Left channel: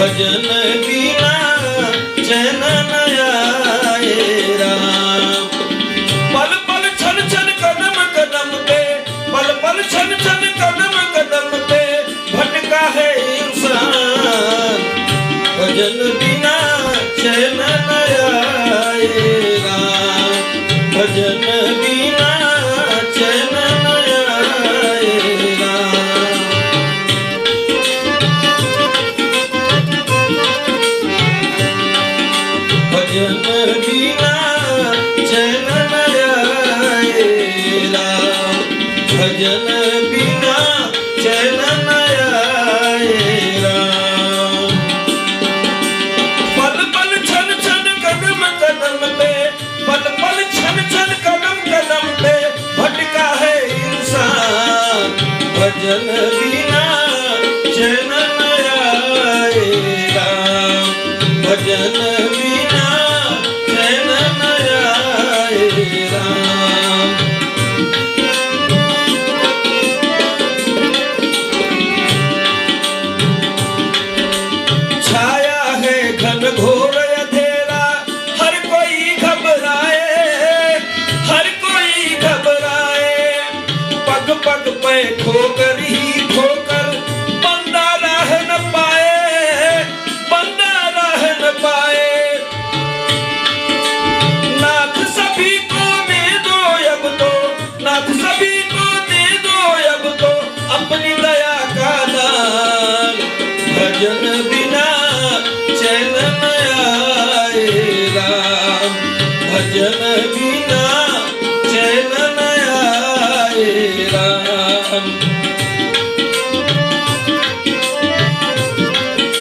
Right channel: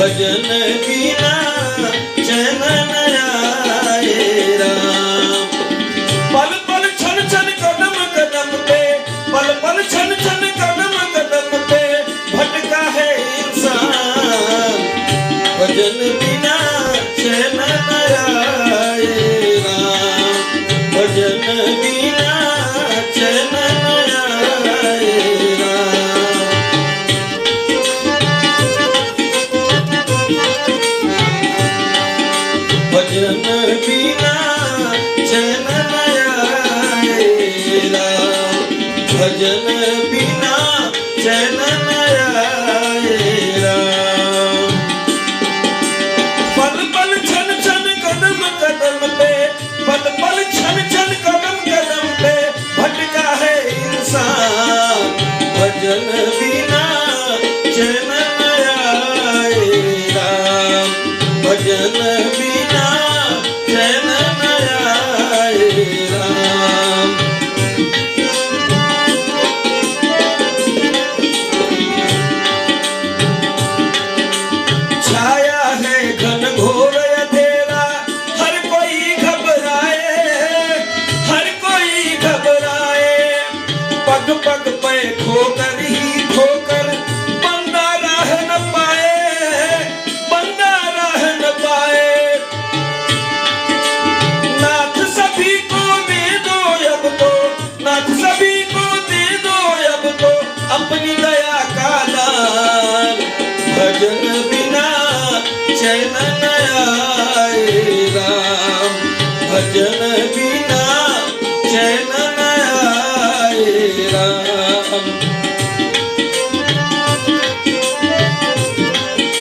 भजन बिना चैन न आए राम। पल पल छन छन कदम कदम पे, पल पल छन छन कदम कदम पे भटका है इंसान। भजन बिना चैन न आए राम। भजन बिना चैन न आए राम। भजन बिना चैन न आए राम। भजन बिना चैन न आए राम। पल पल छन छन कदम कदम पे, पल पल छन छन कदम कदम पे भटका है इंसान। भजन बिना चैन न आए राम। भजन बिना चैन न आए राम। छाया है घन घोर अंधेरा, हर कोई घबराए, हर कोई घबराए। पग पग पे ठोकर ही ठोकर बंदा राह न पाए, बंदा राह न पाए। नाथ सभी को दे दो अब तो, नाथ सभी को दे दो अब तो अपनी दया का दान। भजन बिना चैन न आए राम। भजन